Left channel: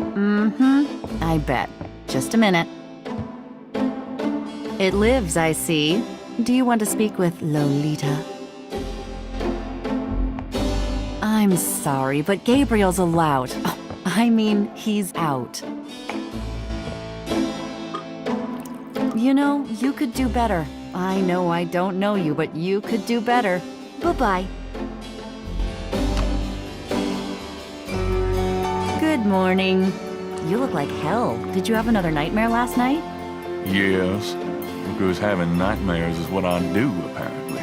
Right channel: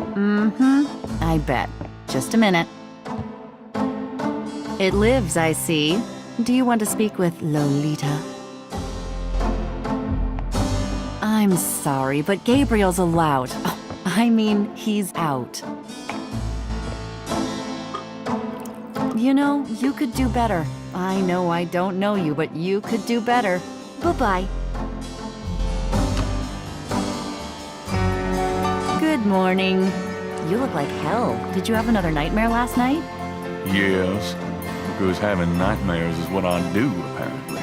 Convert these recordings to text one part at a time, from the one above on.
Mm-hmm. I bet. Just a minute. It lives, I see. Do you want to speak with Lolita? I'm sorry, but Gabriel's allowed. Oh, I mean, he's out. You know, you could do better. I know I don't know you, but you could do better. Bye-bye. Good morning. You look like hell. Did you have another nightmare last night? Yes, because having nightmares is what I do, apparently.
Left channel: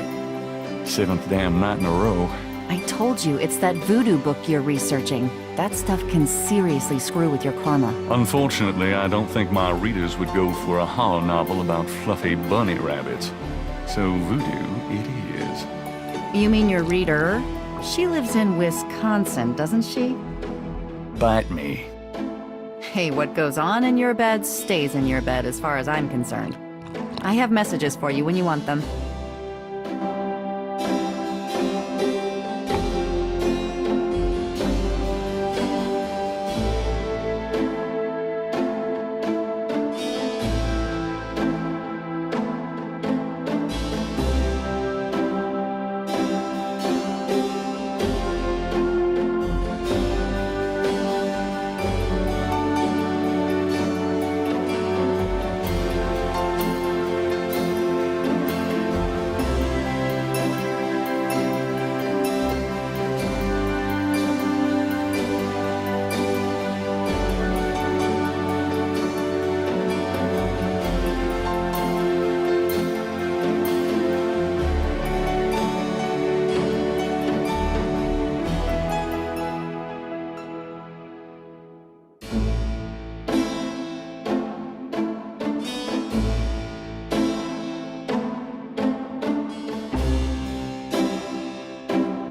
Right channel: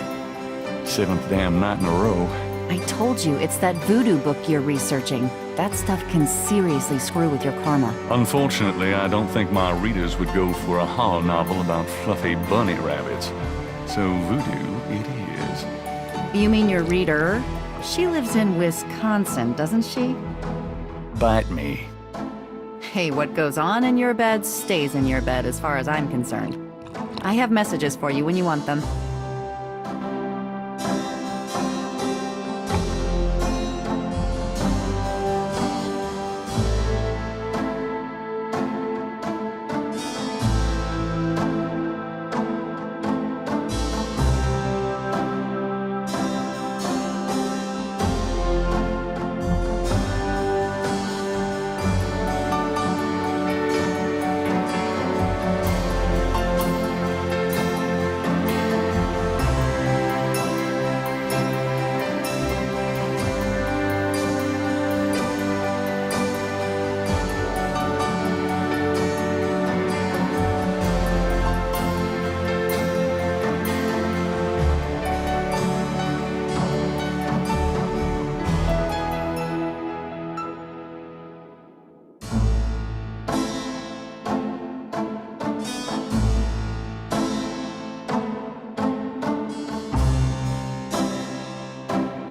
7th damn night in a row. I told you, it's that voodoo book you're researching. That stuff can seriously screw with your karma. Unfortunately, I don't think my readers would go for a horror novel about fluffy bunny rabbits. So voodoo it is. You mean your reader? She lives in Wisconsin, doesn't she? Bite me. Hey, what goes on in your bed stays in your bed as far as I'm concerned. I have messages for you when you want them.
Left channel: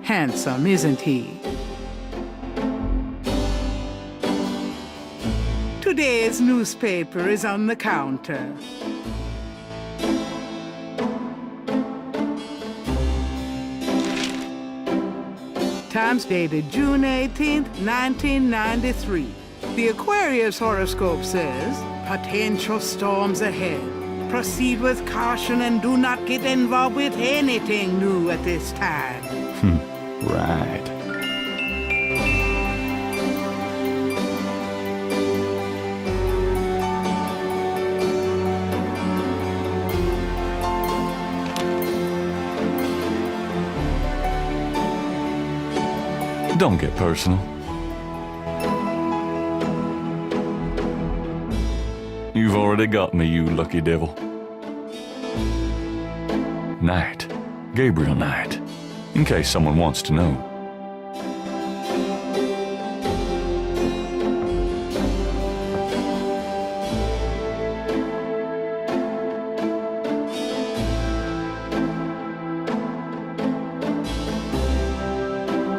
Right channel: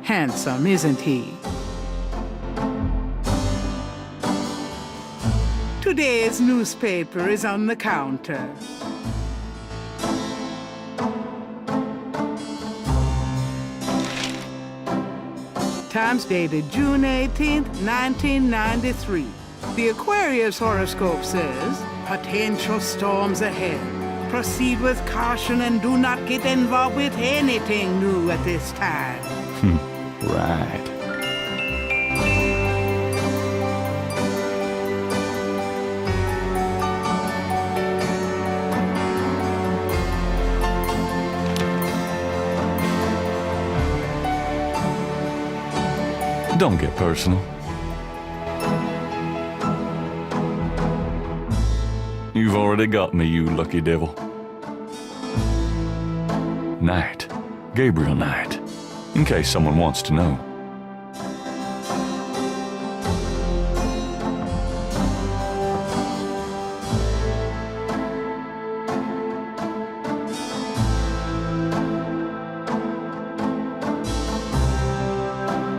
Handsome, isn't he? Today's newspaper is on the counter. Times dated June 18th, 1993. The Aquarius horoscope says, potential storms ahead. Proceed with caution and do not get involved with anything new at this time. Right. Don't get personal. You've already got me, you lucky devil. Knight. Gabriel Knight. In case someone wants to know.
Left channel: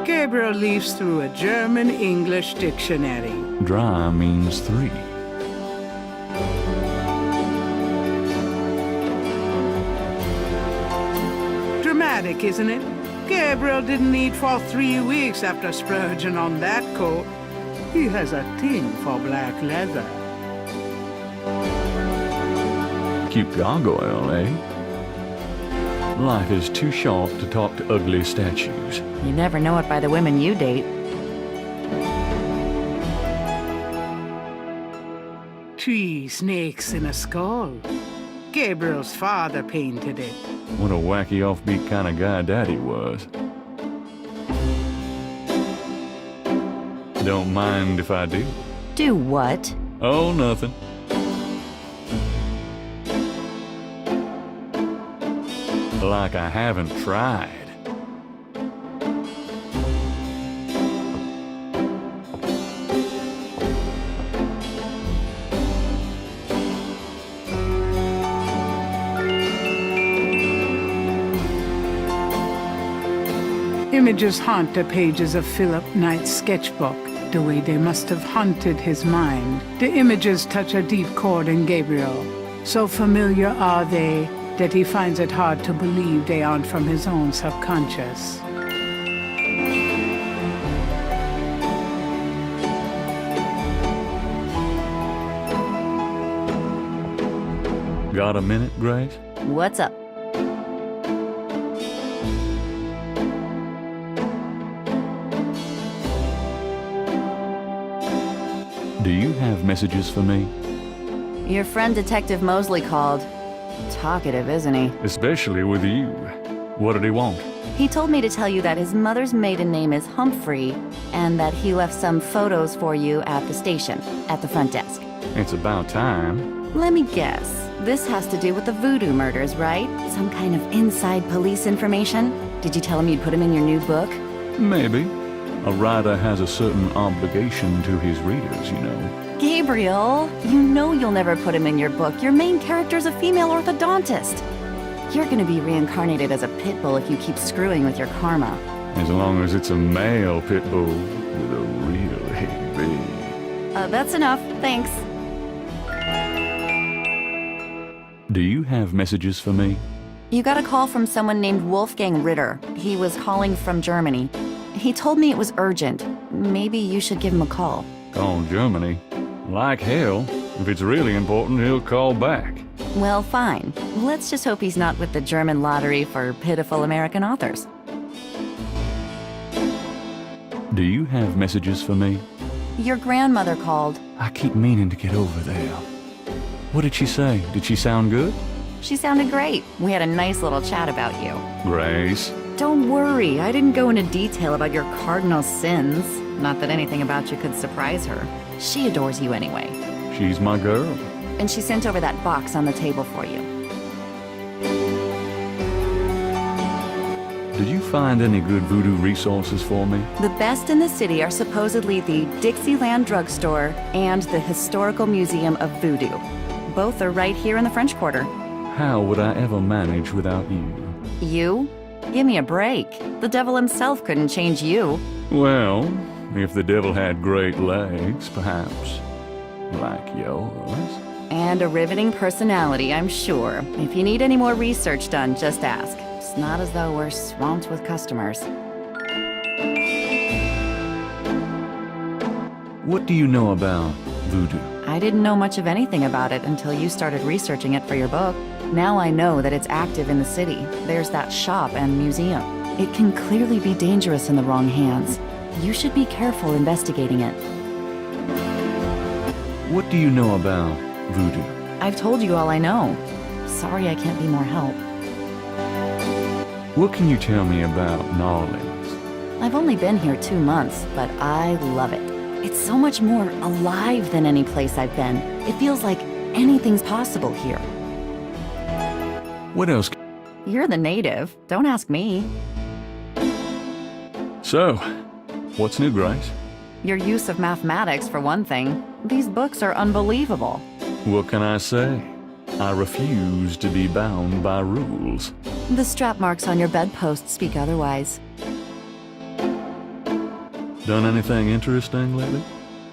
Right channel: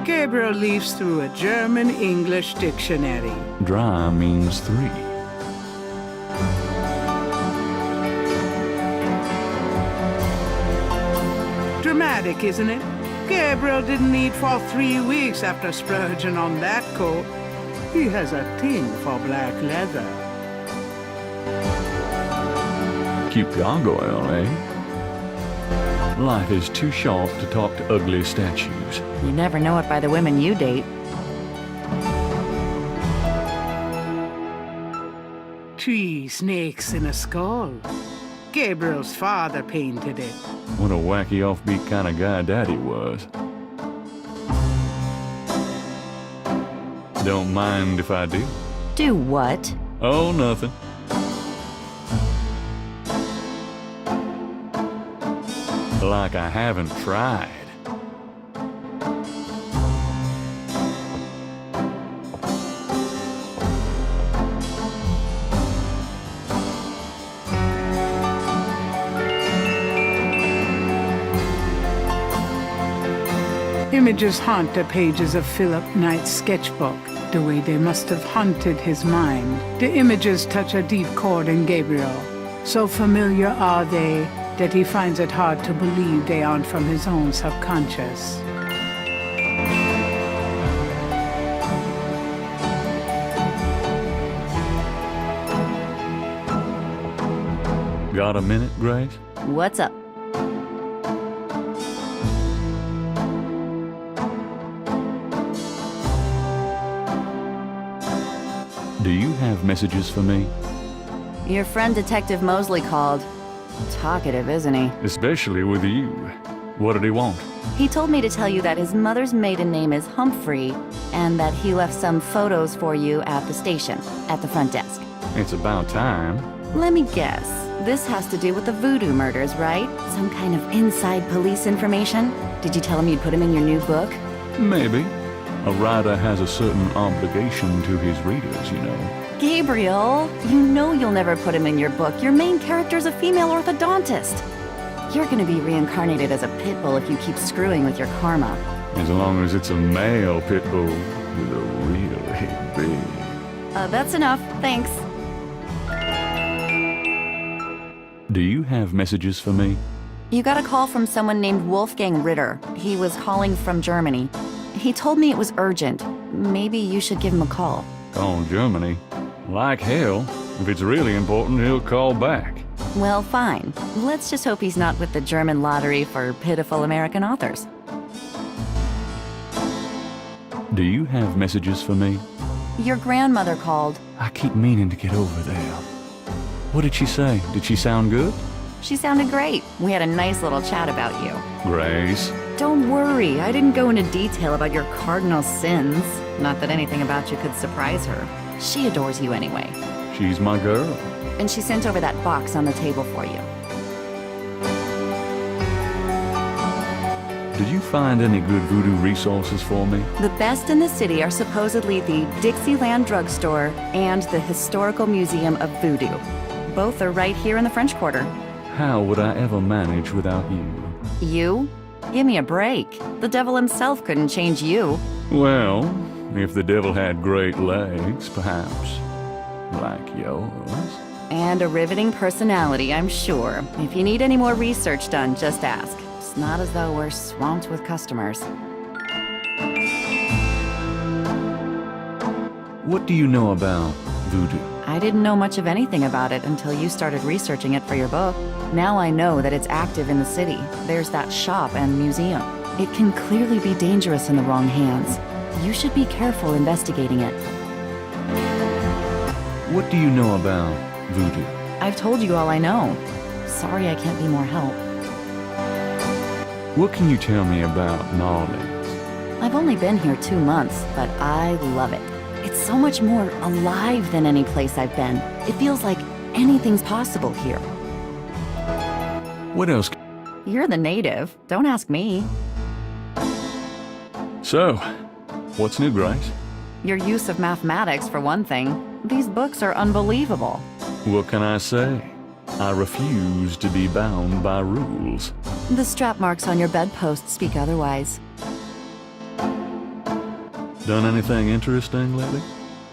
Gabriel leafs through a German-English dictionary. Dry means 3. Dramatic, isn't it? Gabriel didn't eat for 3 weeks after splurging on that coat. He has a thing for black leather. Cute gargoyle, eh? Life is too short to talk to ugly statues. You never know it by the women you date. Three snakes in a skull. Gabriel's father painted it. What a wacky offbeat kind of guy Daddy was. Don't mind if I do. Do what? Oh, nothing. Like I haven't tried. Images haunt the pages of Philip Knight's sketchbook, the way they must have haunted his mind. The images touch a deep chord in Gabriel. So familiar are they that he finds it hard to believe they aren't from his own subconscious. Got a minute, Grace? What's up? Do you have messages for me? Your friend Detective Mosley called. Talkative, isn't he? Especially with you. What did he want? He told me to tell you that his mother's maiden name is Humphrey, and that he left some photos for you at the station, at the front desk. It's about time. Let me guess. This has to do with the voodoo murders, right? Some kind of inside police information? Did you tell him you'd put him in your new book? Maybe. A writer has a certain obligation to his readers, you know. Gabriel, you know you'll never put him in your book. Your main character's a female orthodontist. You're gonna be reincarnated as a pit bull if you keep screwing with your karma. As long as it's a male pit bull with a really big... That's enough, thanks. Do you have messages for me? You got a call from someone named Wolfgang Ritter. He was calling from Germany. He told me it was urgent. Maybe you should give him a call. Call Germany? Like hell. If it's really important, he'll call back. Well, fine. Let's just hope he's not with the German lottery for pitiful American authors. Do you have messages for me? Your grandmother called. I keep meaning to get over there. What did she say? Did she sound good? She sounded great. We had a nice little chat about you. Grace? Don't worry, I didn't go into detail about your cardinal sins. Not that anything about you could surprise her. She adores you anyway. She's my girl. And she sent over that box on the table for you. Did you find any good voodoo resources for me? The best in the city are supposedly the Dixieland Drugstore and the Historical Museum of Voodoo. Both are right here in the French Quarter. How would I ever manage without you? You? Give me a break. The devil himself couldn't change you. Well, if the devil had great legs, perhaps. Like yours. And a riveting personality, I'm sure. If you need any more research done, just ask. It's not as though we're swamped with customers. What do you know about voodoo? I didn't know much of anything about it until you started researching it for your book. Now I know that it's active in the city. There's that shop and museum. It can clearly be dangerous in the wrong hands. You should be careful investigating it. What do you know about voodoo? I've told you all I know. Sorry I can't be more help. What can you tell me about New Orleans? I've only been here 2 months, but I love it. It's so much more alive than any place I've been. It feels like anything's possible here. What else? You're the native. Don't ask me. So, what's new, Grace? Your use of mathematics, for one thing. These books are unbelievable. What can I say? I refuse to be bound by rules. The strap marks on your bedpost speak otherwise. Done anything interesting lately?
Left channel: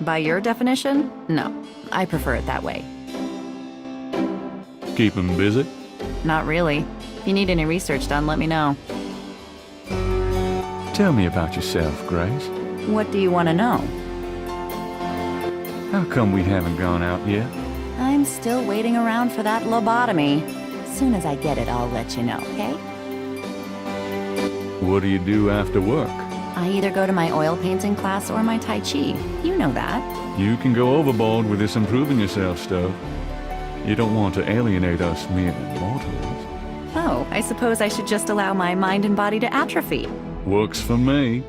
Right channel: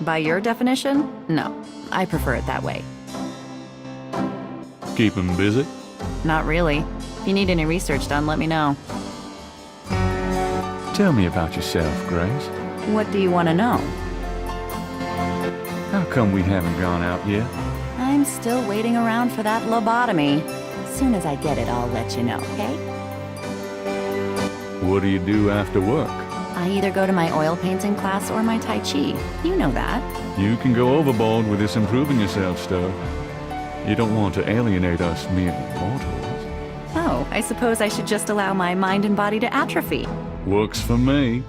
By your definition? No. I prefer it that way. Keep 'em busy? Not really. If you need any research done, let me know. Tell me about yourself, Grace. What do you want to know? How come we haven't gone out yet? I'm still waiting around for that lobotomy. As soon as I get it, I'll let you know, okay? What do you do after work? I either go to my oil painting class or my Tai Chi. You know that. You can go overboard with this improving yourself stuff. You don't want to alienate us mere mortals. Oh, I suppose I should just allow my mind and body to atrophy. Works for me.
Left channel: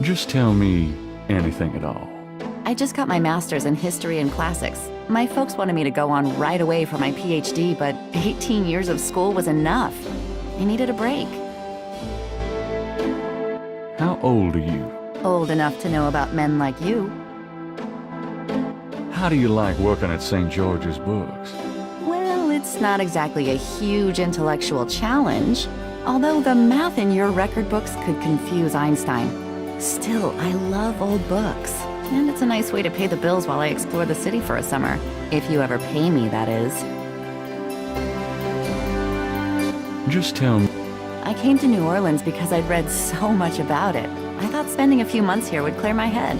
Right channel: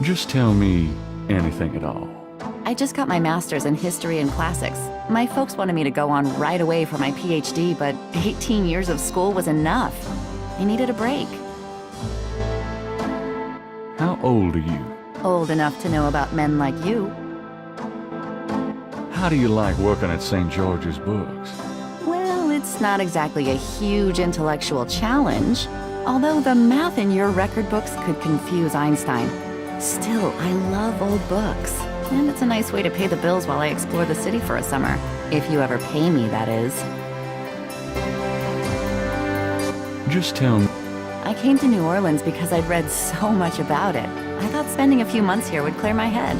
Just tell me anything at all. I just got my master's in history and classics. My folks wanted me to go on right away for my PhD, but 18 years of school was enough. I needed a break. How old are you? Old enough to know about men like you. How do you like working at St. George's Books? Well, it's not exactly a huge intellectual challenge, although the math in your record books could confuse Einstein. Still, I love old books, and it's a nice way to pay the bills while I explore the city for a summer. If you ever pay me, that is. Just tell me. I came to New Orleans because I'd read so much about it. I thought spending a few months here would clear my head.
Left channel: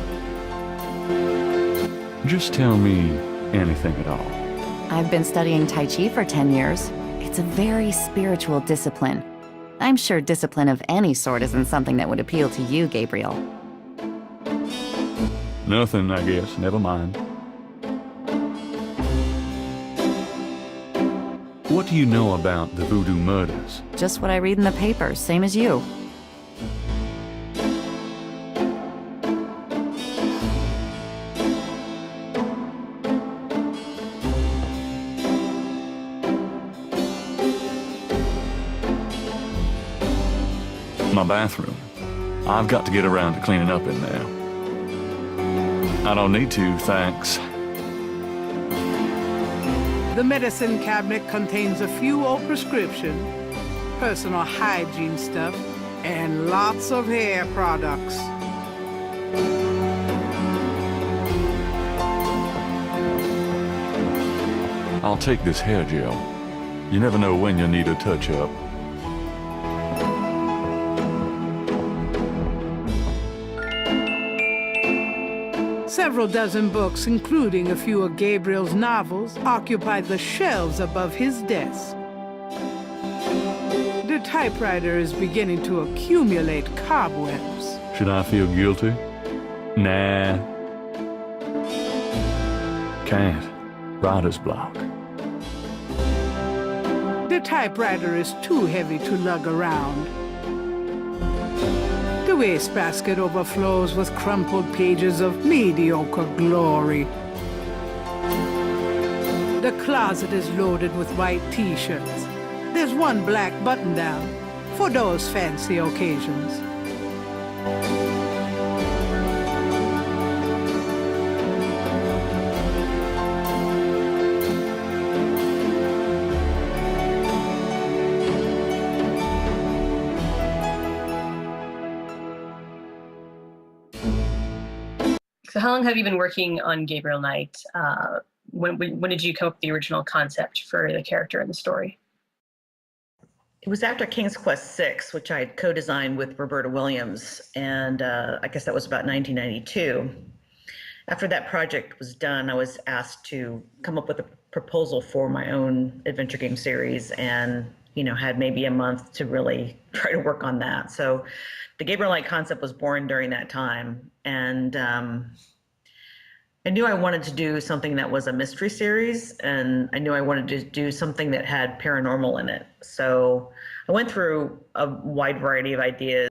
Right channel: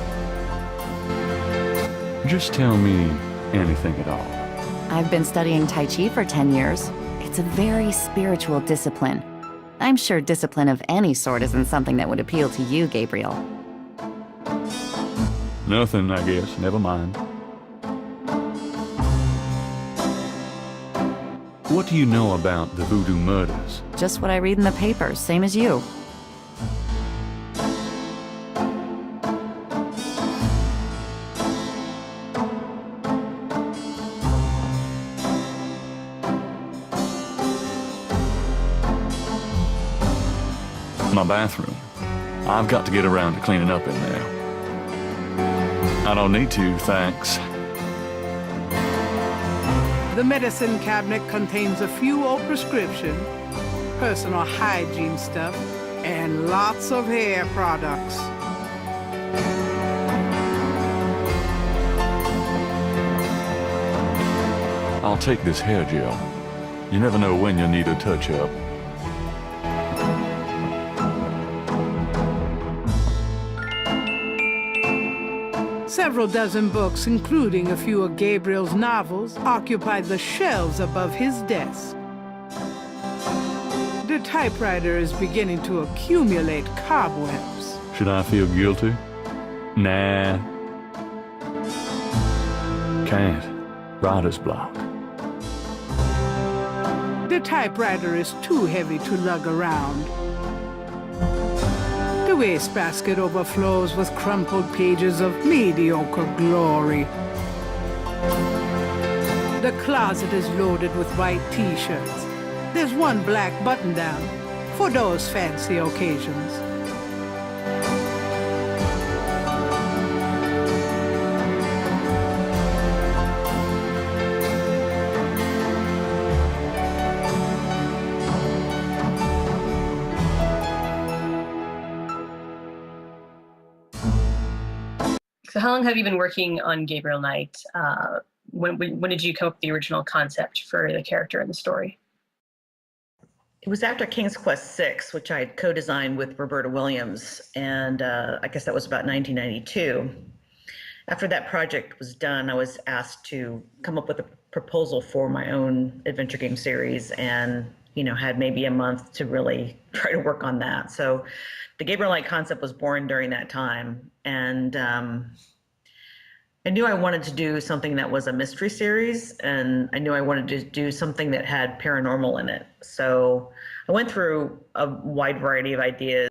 Just tell me anything at all. I've been studying Tai Chi for 10 years. It's a very spiritual discipline. I'm sure discipline of any sort isn't something that would appeal to you, Gabriel. Nothing, I guess. Never mind. What do you know about the voodoo murders? Just what I read in the papers, same as you. My bathroom. I've got to get around to cleaning up in there. I don't need to, thanks. The medicine cabinet contains a few old prescriptions, personal hygiene stuff, and lots of hair products. I'll take this hair gel. You never know when you'll need a touch-up. Several dozen books, including a few of Gabriel's novels, occupy the shelves above his desk. The typewriter is beginning to accumulate cobwebs. Should I feel guilty? Nah. Can't. Writer's block. The typewriter is too heavy to lug around. The wastebasket overflows with crumpled pages of mediocre glory. The closet is loaded with white t-shirts. There's one black button-down for those fancy occasions. So how long have you been working on Gabriel Knight? When did you come up with the original concept for the character in the story? It was after King's Quest VI, which I had co-designed with Roberta Williams, and I guess that was about 1992. After that project was done, I was asked to come up with a proposal for my own adventure game series, and had maybe a month to really try to work on that. So the Gabriel Knight concept was born during that time, and I knew I wanted to do something that was a mystery series, and I knew I wanted to do something that had paranormal in it. So I went through a wide variety of ideas.